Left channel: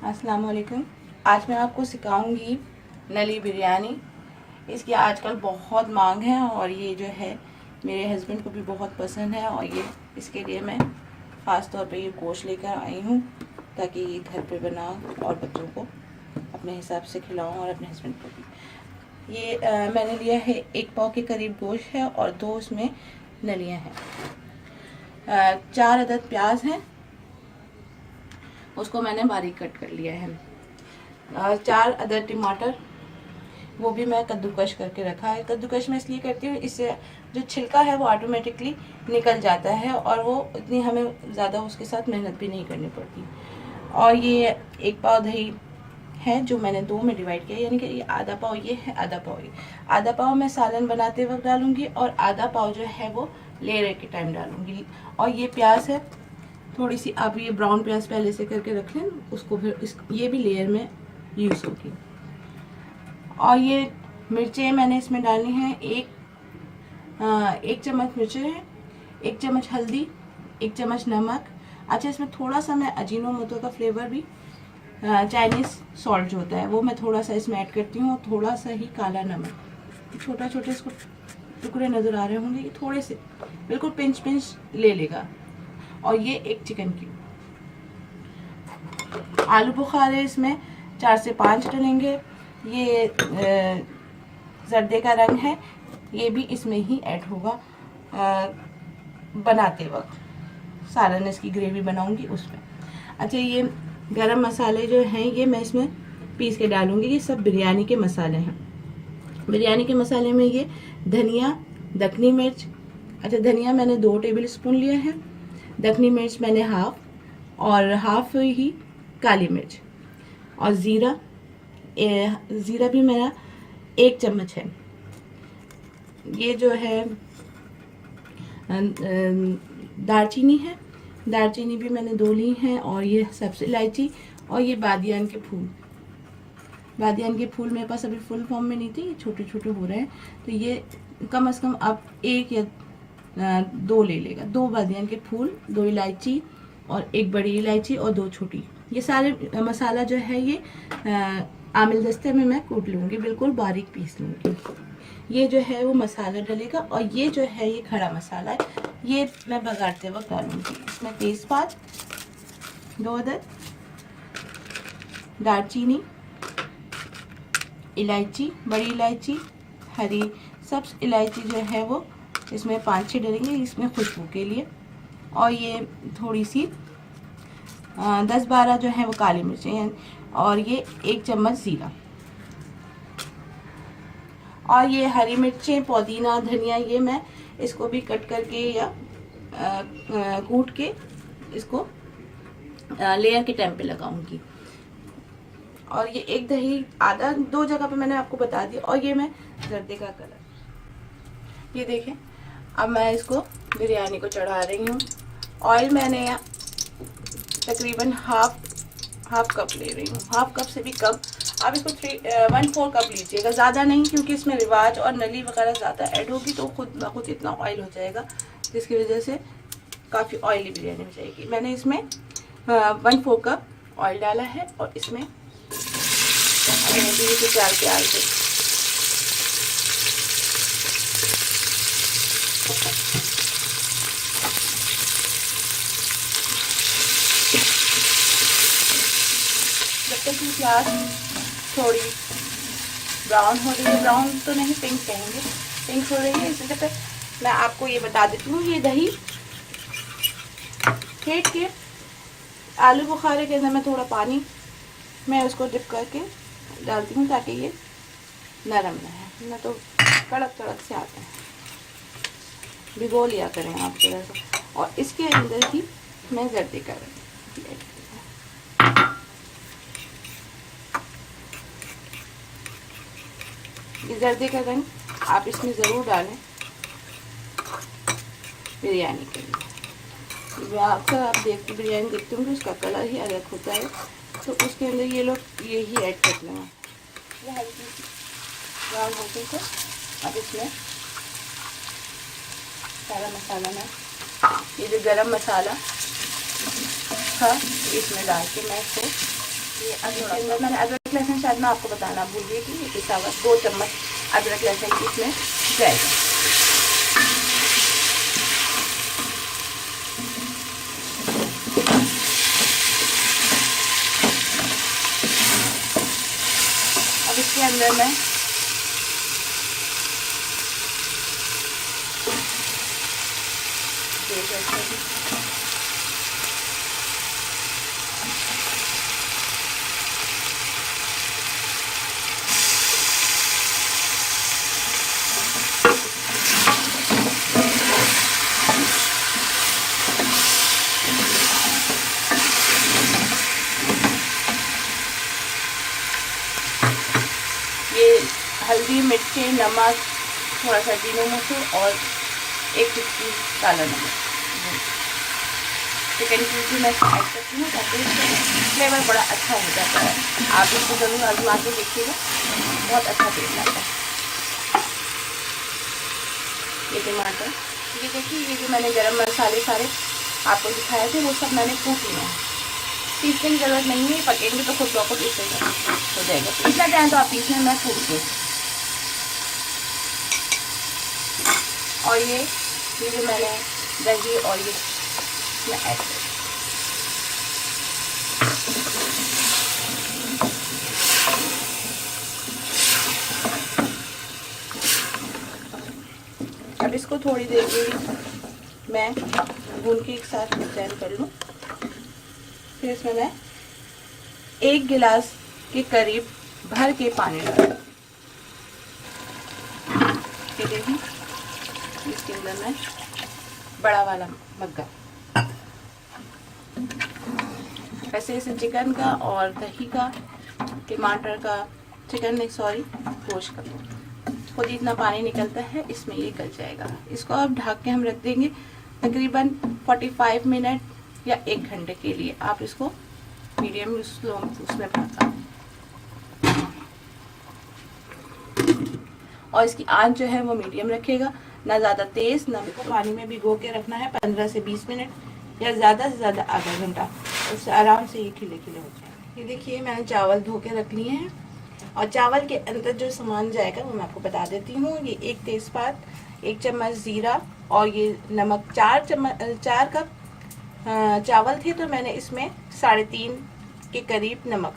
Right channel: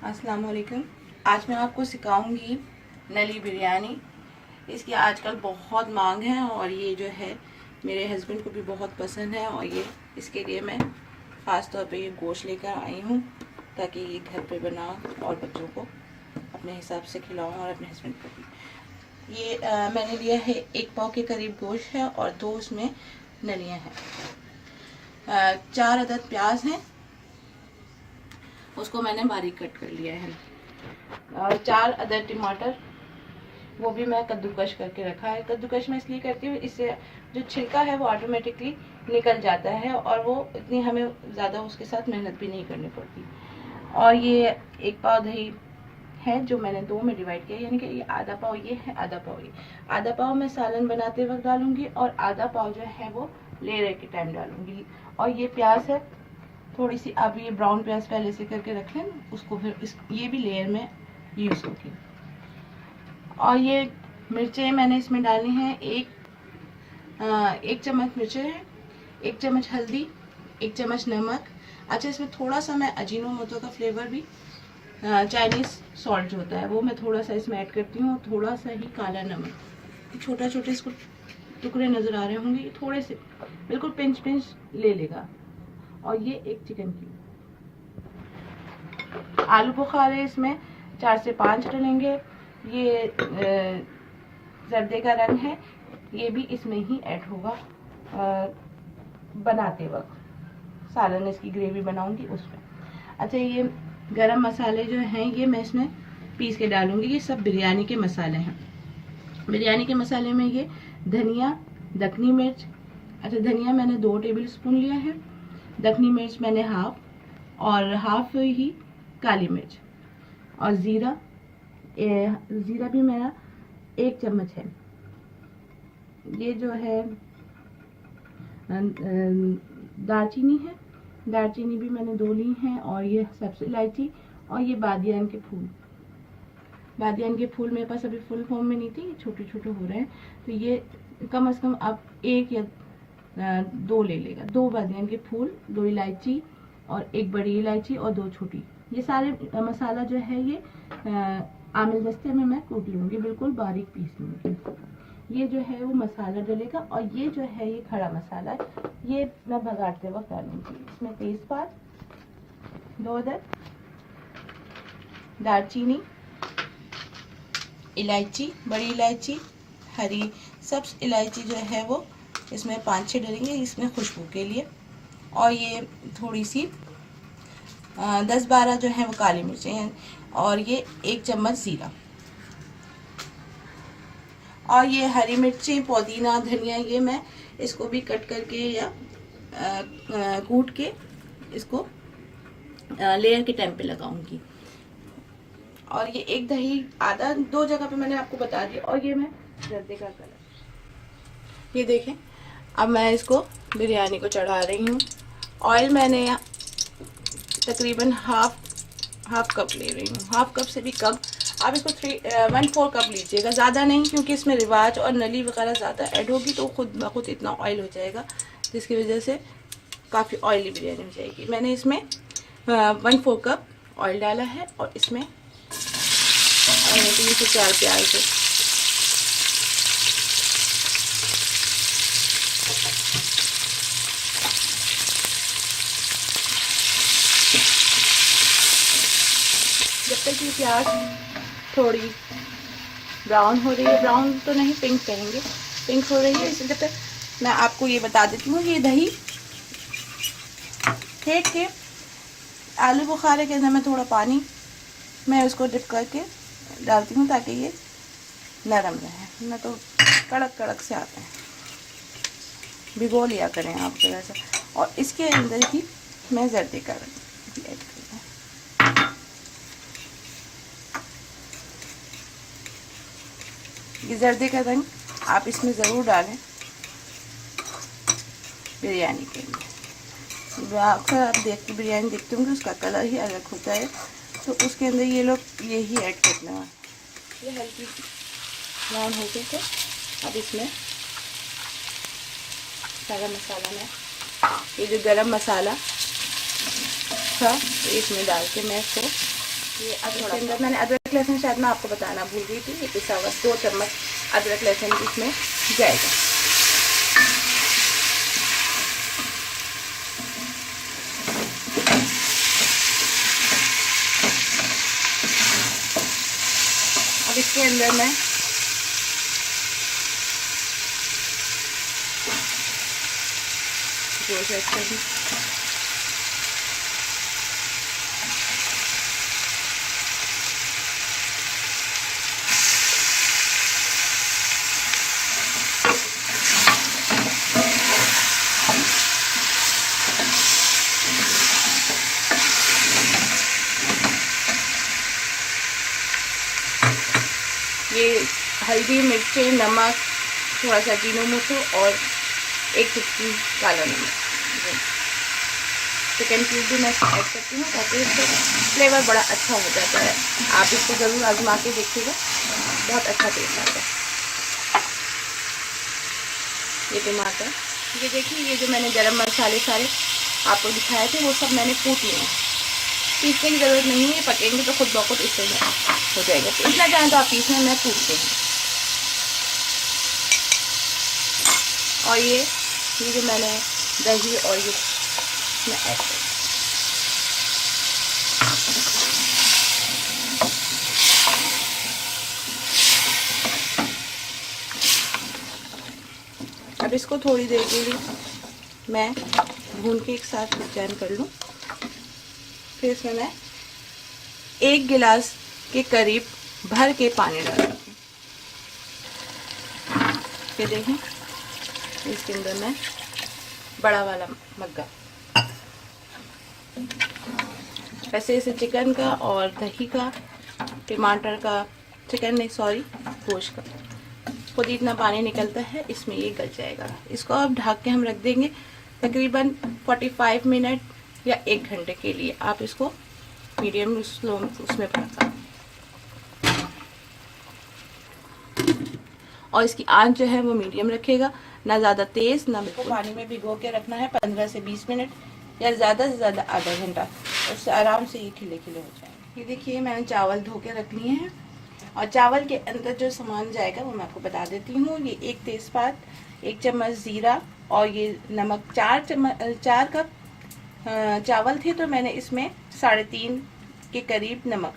अस्सलाम वालेकुम। आज मैं आपको सिखाऊंगी नली बिरयानी। इसकी आजकल बहुत मांग है और ये जो है मेरे हस्बैंड को भी बहुत पसंद है और ये इसके लिए मैं ख़ास तौर पे ये गोश्त लेकर आई हूँ ताकि ये घर पे बनाऊँ और बच्चों को अपने हिसाब से खिलाऊँ और अपने हस्बैंड को भी। ये मैंने लिया है 1 पाव के करीब गोश्त है और 2 उसमें नलियाँ हैं। 4 अदद प्याज हैं, उसको मैंने बारीक कट कर लिया है। 4 अदद टमाटर, वो भी मैं कद्दूकश करके रखा है। कद्दूकश मैं इसलिए करती हूँ, इससे जो छिलका है वो ऑटोमेटिकली निकल जाता है और वो इतनी हमें ज़्यादा उसके साथ मेहनत भी नहीं करनी पड़ती। और ये 1 पाव दही है जो मैंने 2 में डिवाइड किया, यानी कि ये आधा पाव ये है, आधा पाव ये। आधा पाव मैं सालन बनाते वक्त डालूंगी और आधा पाव जो है वो लेयर के टाइम डालूंगी। और ये प्याज है, थोड़ी सी आप ये ब्राउन प्याज पहले से करके रख लें, उसको फिर ये भी लेयर में यूज़ होगी। और ये मिर्चें मैंने इसमें डालनी हैं, एक चम्मच मिर्चें हैं, 1 चम्मच हल्दी, 1 चम्मच नमक। अच्छा, इसमें थोड़ा सा मैं अजीनोमोटो का फ्लेवर भी, चाइनीज़ सॉल्ट जो होता है वो मैं थोड़ा सा इसमें ऐड करती हूँ। थोड़ा सा ही काला नमक, छोटा छोटे इसको टुकड़े नज़र आ रहे होंगे, ये थोड़े से बिल्कुल पिंच ले लेगा। और ये 1 चिकन की आलू बुखारे इसमें 4 से 5 डलेंगे। ये जर्दे का रंग है, ये भी इसमें ही ऐड होगा बनाते वक्त, सालन इसकी ग्रेवी बनाऊंगी उसमें। अच्छा, ये गरम मसाले जो हैं ये मैं इसमें पीस के डालूंगी। ये सब बिरयानी के मसाले हैं। बिरयानी के मसाले में ये धनिया, दखनी मिर्च, अच्छा धनिया मैंने 2 टेबल स्पून लिया है, दखनी मिर्च मैंने हाफ, और हाफ ही काली मिर्च, और ज़ीरा भी मेरा 1 चम्मच है। ये जो है दालचीनी है, दालचीनी भी मैंने 2 ली हैं, और ये सब्ज़ इलायची, और ये बादियान के फूल। बादियान के फूल मेरे पास अभी फुल फॉर्म में नहीं थे, ये छोटे छोटे हो रहे हैं, तो ये कम से कम आप 1 या 2 ले लेगा। 2 बादियान के फूल, 2 इलायची और 1 बड़ी इलायची और 2 छोटी। ये सारे मसाला जो है ये आमिल दस्ते में मैं कूट लूँगी, बिल्कुल बारीक पीस लूँगी। ये जो है वो मसाला डलेगा, और ये जो है ये खड़ा मसाला है, ये मैं बघारते वक्त डालूँगी। इसमें तेज़पात 2 अदद, दालचीनी, इलायची, बड़ी इलायची, हरी सब्ज़ इलायची जो है वो इसमें 5-6 डलेंगे इसमें खुशबू के लिए। और ये थोड़ी सी 10-12 जो है वो काली मिर्चें हैं, और ये 1 चम्मच ज़ीरा, और ये हरी मिर्चें, पुदीना, धनिया, ये मैं इसको भी कट करके या कूट के इसको लेयर के टाइम पे लगाऊंगी। और ये 1 दही, आधा 2 जगह पे मैंने आपको बता दिया। और ये मैं जर्दे का कलर, ये देखें। अब मैं इसको बिरयानी को चढ़ा रही हूँ। ऑयल मैंने तकरीबन हाफ कप ले रही हूँ, हाफ कप से भी कम। आप इसको 1/4 कप लीजिएगा, ज़्यादा नहीं, क्योंकि इसमें रिवाज और नली वगैरह ज़्यादा ऐड होगी तो खुद ब खुद इतना ऑयल हो जाएगा, जिसकी वजह से काफ़ी ऑयली बिरयानी हो जाएगी। मैंने इसमें 1/4 कप ऑयल डाला है, और इसमें 3 से 4 प्याज है। जब तक ये प्याज थोड़ी ब्राउन हो रही है, ब्राउन तो नहीं, पिंक कहेंगे, पिंक हो रही है, इसलिए जब तक मैं आपको ये बता देती हूँ। ये दही फेंट के आलू बुखारे के अंदर मैं थोड़ा पानी मैं उसको डिप करके डालती हूँ ताकि ये नरम रहे, न तो कड़क कड़क से आते हैं। भिगो लिया करें आप थोड़ा सा। और इसके अंदर ही मैं जर्दे का ये जर्दे का रंग आप इसमें ज़रूर डालें बिरयानी के लिए। अक्सर आप बिरयानी देखते होंगे उसका कलर ही अलग होता है, तो उसके अंदर ये लोग यही ऐड करने वाले। ये हल्की ब्राउन हो गई, तो अब इसमें सारा मसाला मैं, ये जो गरम मसाला था इसमें डाल के मैं इसको ये थोड़ा मैंने अदरक लहसुन शायद मैं आपको बताना भूल गई थी, ये पिसा हुआ 2 चम्मच अदरक लहसुन इसमें जाएगा। अब इसके अंदर मैं ये हल्दी, मिर्ची, नमक, थोड़ा सा जीरो मिर्च और 1 चुटकी काला नमक, चिकन की भी मैं ऐड करती हूँ ताकि इसका फ्लेवर बड़ा अच्छा हो जाता है। आप इसको ज़रूर आजमा के देखिएगा, बहुत अच्छा टेस्ट आता है। ये टमाटर, ये देखिए, ये जो मैंने गरम मसाले सारे आपको दिखाए थे वो सब मैंने कूट लिए हैं। पीसने की ज़रूरत नहीं है, पकेंगे तो खुद बहुत इससे हो जाएगा। पीसना चाहें तो आप पीसने में कूट दें। और ये जो मैंने दही और ये ऐड कर, अब इसको थोड़ी देर के लिए मैं भून के एक साथ मिक्सचर कर लूँ। फिर इसमें मैं 1 गिलास के करीब भर के पानी डालूँ। ये देखें, इसके अंदर मैं बड़ा वाला मग्गा, वैसे इसे चिकन का और दही का, टमाटर का, चिकन नहीं सॉरी गोश्त का खुद इतना पानी निकलता है, इसमें ये गल जाएगा। इसको अब ढक के हम रख देंगे तकरीबन 45 मिनट या 1 घंटे के लिए। आप इसको मीडियम स्लो उसमें पका, और इसकी आंच जो है वो मीडियम रखेगा, ना ज़्यादा तेज़ ना। पानी में भिगो के रखना है 15 से 20 मिनट या ज़्यादा से ज़्यादा आधा घंटा, उससे आराम से ये खिले खिले हो जाएंगे। ये देखिए, मैंने चावल धो के रख लिए हैं, और चावल के अंदर जो सामान जाएगा वो मैं आपको बता देती हूँ। ये 1 तेज़पात, 1 चम्मच ज़ीरा, और ये नमक। 4 कप चावल थे तो मैंने इसमें 3.5 के करीब नमक,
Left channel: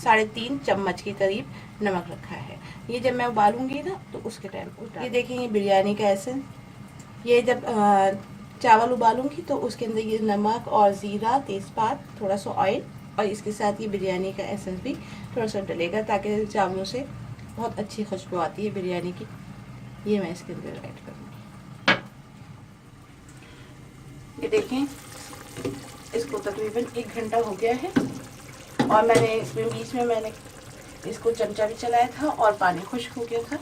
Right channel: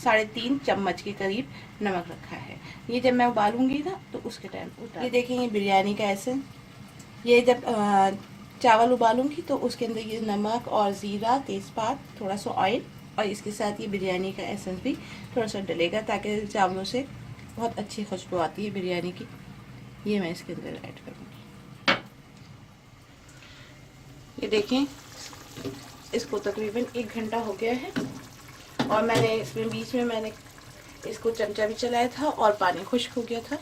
3.5 चम्मच के करीब नमक रखा है। ये जब मैं उबालूंगी ना तो उसके टाइम, ये देखिए, ये बिरयानी का एसेंस, ये जब चावल उबालूंगी तो उसके अंदर ये नमक और ज़ीरा, तेज़पात, थोड़ा सा ऑयल, और इसके साथ ये बिरयानी का एसेंस भी थोड़ा सा डलेगा ताकि चावलों से बहुत अच्छी खुशबू आती है बिरयानी की। ये मैं इसके अंदर ऐड करूँगी। ये देखें, इसको तकरीबन 1 घंटा हो गया है, और मैंने इसमें बीच में मैंने इसको चमचा भी चलाया था और पानी खुश्क हो गया था,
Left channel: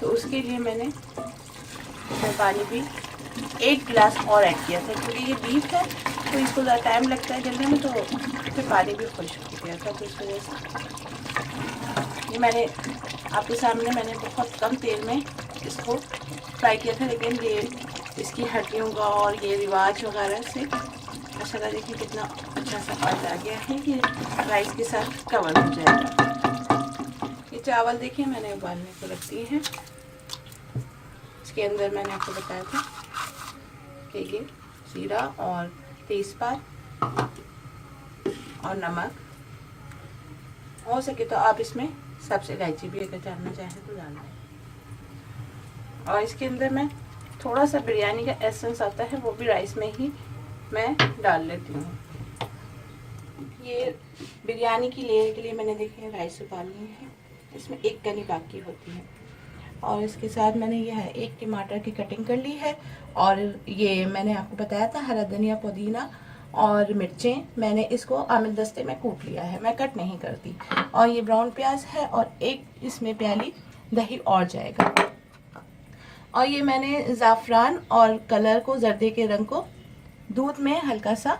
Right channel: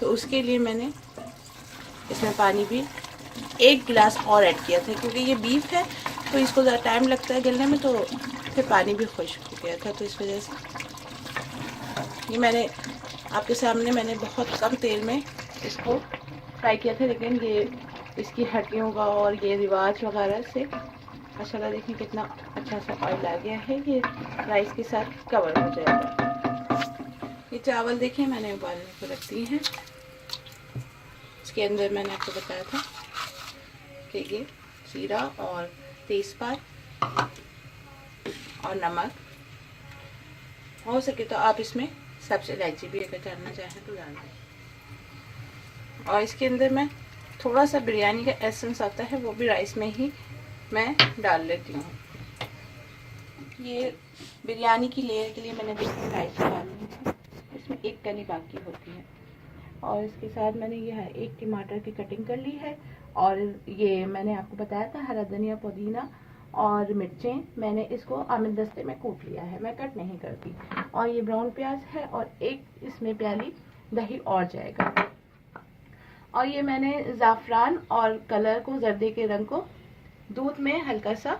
तो उसके लिए मैंने इसमें पानी भी 1 गिलास और ऐड किया था, क्योंकि ये बीफ है तो इसको ज़्यादा टाइम लगता है गलने में, तो फिर पानी भी खुश्क हो गया था। तो इस वजह से ये मैंने आपके सामने मैंने बहुत कम तेल में इसको फ्राई किया था, लेकिन ये इसकी हड्डियों का और ये रिवाज वगैरह से माशाल्लाह देखिए कितना अच्छा सा ऑयल आ गया है। ये राइस के साथ कवर हो जाएगा। ये चावल देखिए मैंने उबालने को रख दिए हैं। इसके अंदर मैंने आपको बताया था कि ये जीरा और तेज़पात और नमक, हो सके तो आप इसमें सबसे इलायची भी अगर डालना चाहें तो डाल दें। और इसके अंदर मैं थोड़ा सा बिरयानी का एसेंस आता है, वो भी राइस में ही मैं डाल लेती हूँ। ये बिरयानी की लेयर के लिए मैंने देखिए राइस डाल ली है, इसमें 1 कनी बाकी होती है। और इसके साथ मैंने ये है 1 टमाटर की कटिंग कर ली है, और ये मैंने आपको बताया था हरा धनिया, पुदीना और मिर्चें, मैंने इसको आमिल दस्ते में कूट लिया है, मैं कट नहीं करती। और ये ब्राउन प्याज है, और 1 इसमें प्याली दही और जाएगा। और ये मैंने ज़ाफ़रान और कलर को, जर्दे के रंग को दूध में हल्का सा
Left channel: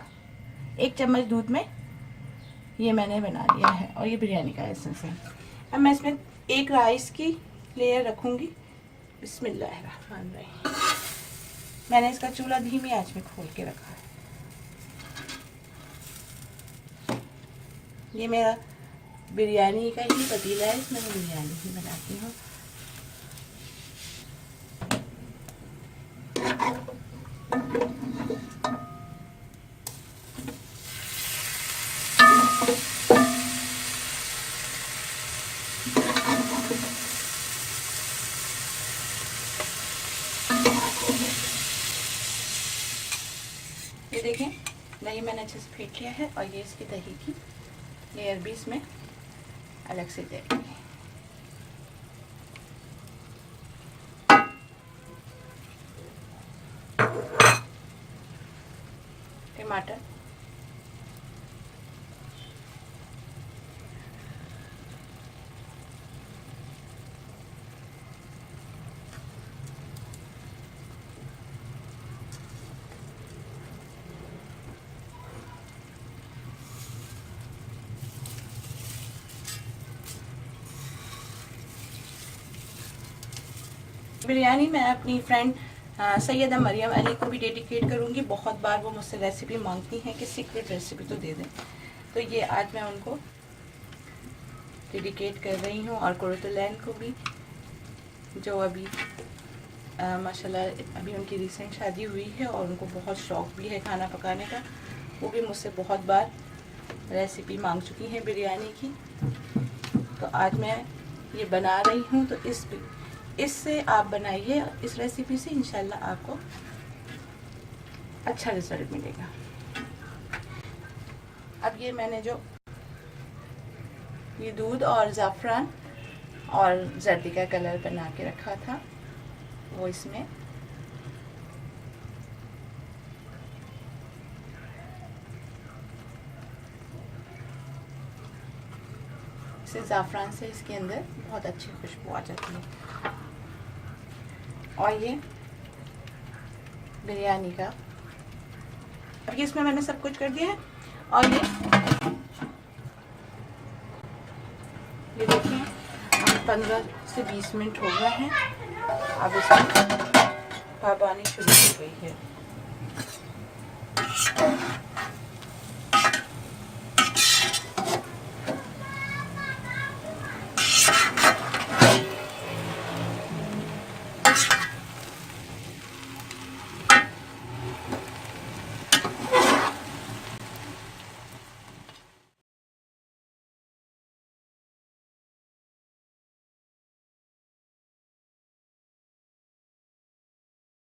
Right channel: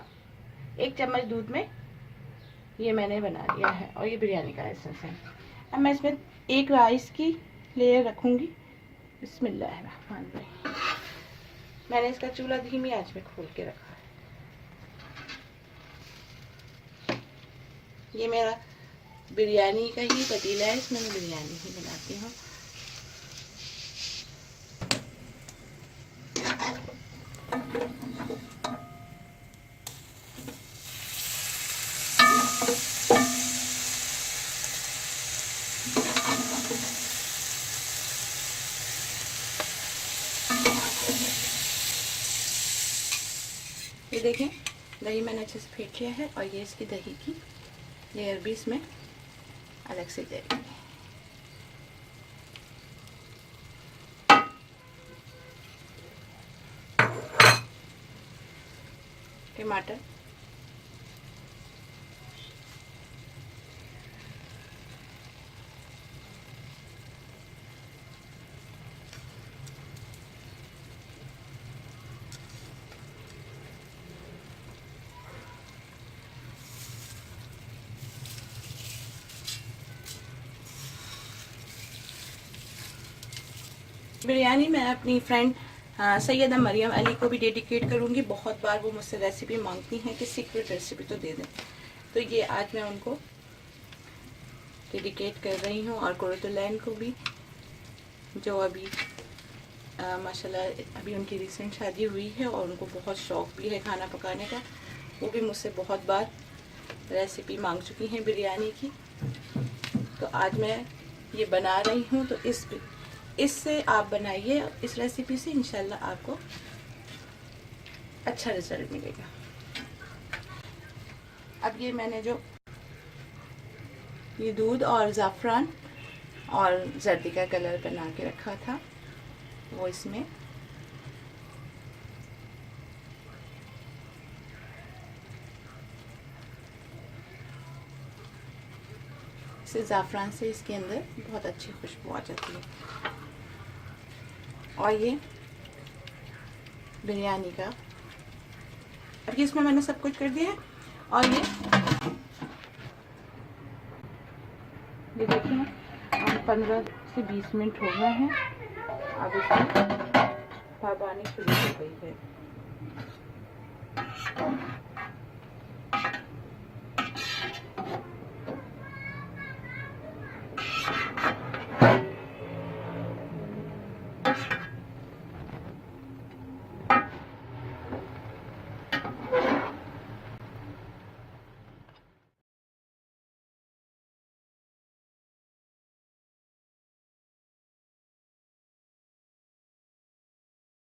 1 चम्मच दूध में ये मैंने बना लिया है, और ये बिरयानी का एसेंस है। अब मैं इसमें 1 राइस की लेयर रखूँगी। बिस्मिल्लाहिर्रहमानिर्रहीम। मैंने इसका चूल्हा धीमी आंच में खोल के रखा है। ये मेरा बिरयानी का ही पतीला है, इसमें मैं बिरयानी ही बनाती हूँ। ये देखें, दही मैंने अच्छे से फेंट लिया है और ये इसकी दही की लेयर भी इसमें अलग से जाएगी। टमाटर, बिरयानी मैं अपनी फ्रेंड सैयदा मरियम अली को भी डेडिकेट करूँगी। बहुत बार वो मुझसे रेसिपी मांगती हैं कि सीक्रेट रेसिपी तो दे दें, तो ये आज मैं उनको डेडिकेट कर रही हूँ। और कुरतुलैन को भी, जो अभी माशाल्लाह अभी उनकी रिसेंट शादी हुई है और उनको बहुत शौक़ भी है खाना पकाने का। वो भी मुझसे बहुत बार रेसिपी मांग चुकी हैं बिरयानी की, तो आज मैं ये बना रही हूँ। तो इससे आप बनाइए, इस रेसिपी से इंशाल्लाह आपको अच्छा रिजल्ट मिलेगा। अब ये मैंने जो ये दूध और ज़ाफ़रान और जर्दी का कलर बना के रखा था वो इसमें से ज़ाफ़रान से इसके अंदर बहुत अच्छी खुशबू आ जाती है। और ये बिरयानी का, अब ये इसमें मैंने सब कुछ कर दिया है। और ये देखिए 15 से 20 मिनट हो गए हैं। अब इसमें भाप आनी शुरू हो गई है।